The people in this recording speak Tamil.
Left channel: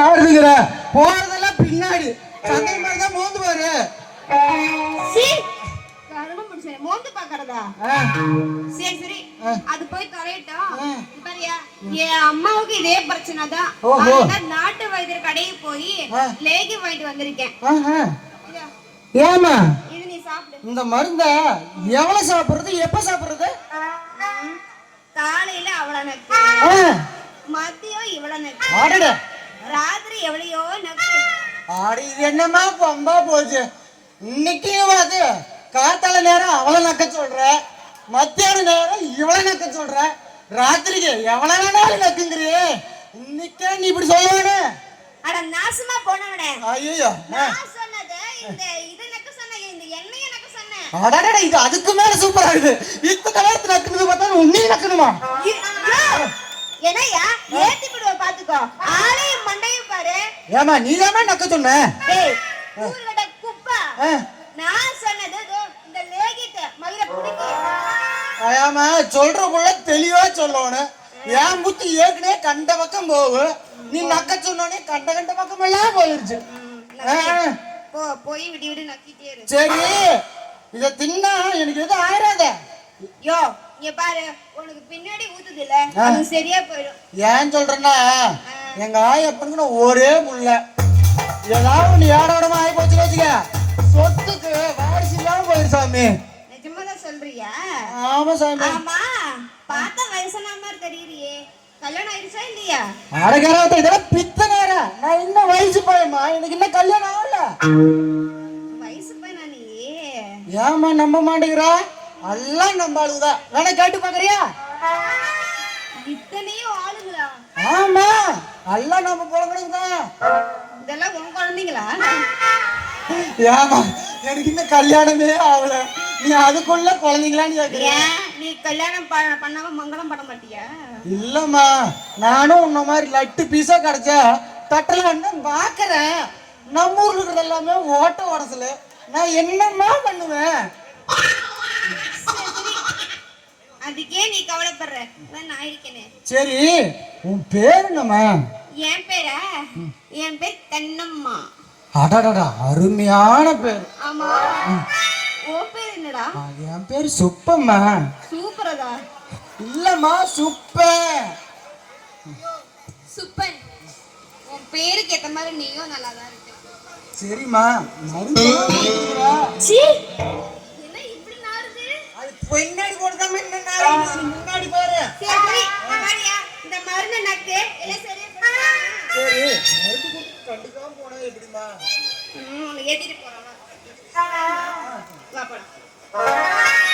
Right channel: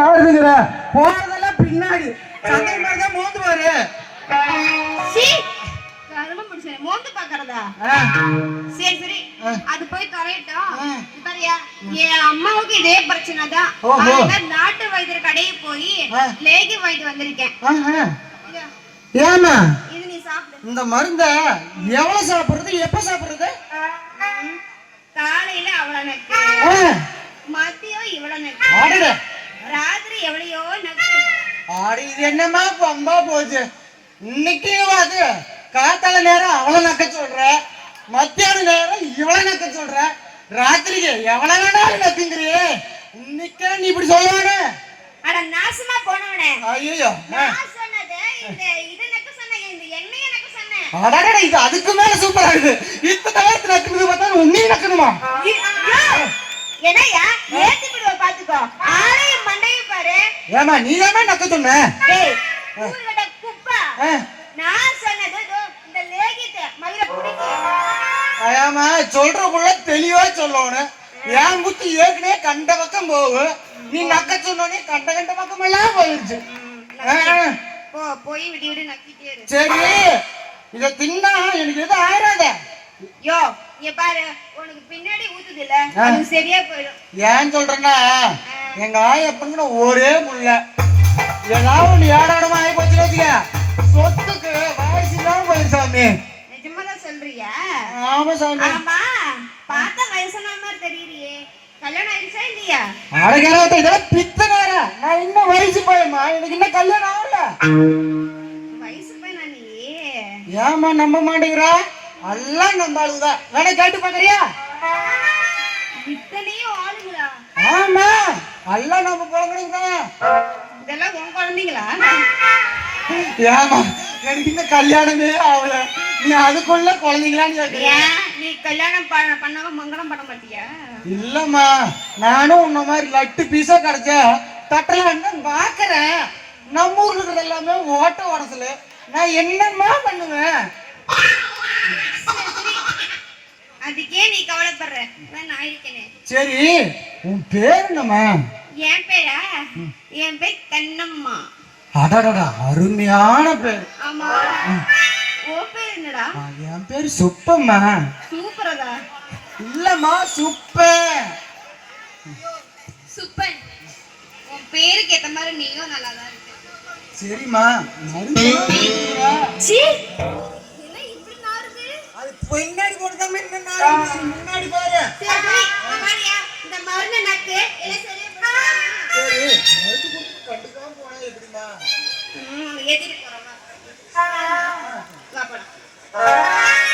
நாடுதுங்கிற போறதெல்லாம் பின்னாடி சந்தை மாதிரி தான் மோந்து பாரு. மோந்து பாக்குறதா? சரி சரி, அது போய் கரையட்டும். பாரியா, என் அம்மாவுக்கு இதே பிரச்சனை தான். நாட்டு வைத்தியர் கடைக்கு போய் லேகி வாங்கிட்டு வந்திருக்கேன். ஏமா இது நீ சாப்பிடு. இந்த மருந்த எவ்வளவு சாப்பிடுறது, எப்ப சாப்பிடுறது? காலையில அவ்வளவு நக்கு, மதியம் இவ்வளவு நக்கு, ராத்திரி எவ்வளையோ நக்கு. ஆடி இது என்னமா பம்பா போச்சு. இன்னைக்கு அது காத்தால நேரம் அவ்வளவு நக்க சொல்ற, மத்தியான நேரம் இவ்வளவு நக்க சொல்ற, ராத்திரிக்கு எவ்வளவு வேணாலும் நக்குங்கிறியே. இன்னைக்கே நீ இப்படி சொல்லுவானே? அட நாசமா போனவனே. ஐயோ, நான் சொன்னது இந்த இது நக்க சொன்னேன், இந்த எண்ணெயை நக்க சொன்னேன். அடடட, இது அதுக்கு மேல சூப்பரா இருக்கு. இத்தனை வயசு நக்குது பார்த்தா உன்னையும் நக்கணுமா? என்னையா ஏத்தி விடுவ பாத்துக்கோ. ஆளையும் மண்டையும் பாரு. ஏமா நீ தானே நக்க சொன்ன? டேய் ஊர்லட குப்பா, நான் சொன்னது இந்த லேகிட்ட மயிர புடிக்கு. ஏமா சொல்ற புள்ள தெளிவா சொல்லணும். ஏன் புத்தி ஏற்கனவே கண்ட பக்கம் போகும், நீ நக்க சொன்னோடனே கண்ட கண்ட பக்கம் எல்லாம் போயிருச்சு. போய் விடி விடி நக்கிட்டே இரு. சரி, இத தின்னா எனக்கு எதுவும் ஆயிராத. யோ நீ பாரு, உனக்கு பின்னாடி ஊத்துது இல்ல, அது சரியா போயிடும். ஏன் சொல்றேன்னா, எங்க ஆயப்பனுக்கு ஒரே புள்ள, ஏதாவது ஒண்ணு ஏடாடமா ஆகி போச்சு வச்சுக்க, சொத்துக்கு வாய்ஸ் இல்லாம போயிரு சாமி. நிஜமாதான் சொல்றியா? ஆமா சாமி. ஆமா, பார்த்தா வயசான மாதிரி தெரியலையே. கல்யாணம் ஆயிடுச்சா இல்லையா? அடகராத்த இதெல்லாம் பித்தனார. நான் இன்னும் வயசு பையமா, எனக்கு இன்னும் கல்யாணம் ஆகல. வயசு பையனா நீ? ஏமா நம்ப மாட்டேங்கிறா? எல்லாம் நம்ம ஆளுதான், வேணா கேட்டு பாக்குறியா? இத்தனையும் ஆளுங்களா? ஆமா, எல்லாம் நம்ம குழந்தைங்கதான். இதெல்லாம் உன் குழந்தைங்களா? ஏமா எனக்கு இன்னும் கல்யாணமே ஆகல, நீ அதுக்குள்ள குழந்தைங்களான்னு கேக்குறியா? நீ கல்யாணம் பண்ணாம மங்களம் பண்ண மாட்டியா? இல்லம்மா, நானும் உன்ன மாதிரி லட்டு பீஸா கிடைச்சா தட்டலான்னு பாக்குறேன். நம்ம ஊர்ல இருக்கிறது எல்லாமே ஓட்ட உடசல, நான் என்னம்மா பண்ணுவேன்? அதுக்கே நீ கவலைப்படுற, நான் இருக்கேனே. சரி, உன் பேர் என்னம்மா? என் பேரா? என் பேர் கண்ணம்மா. அடடா, அருமையான பேர். ஆமா, உன் பேர் என்னடா? என் பேர் சுப்பம்மா. சூப்பரதா? இல்லம்மா, சுப்ப. சுப்பன், உன் பேருக்கு ஏத்த மாதிரி நீயும் நல்லாதான் இருக்க. சரிம்மா, பின்னாடி போடுறது முன்னாடி பாரு. இந்த மருந்து நக்கு சரி, மருந்து கொடுத்து கண்டுக்காம போனா எப்படிமா? ஏத்திட்டு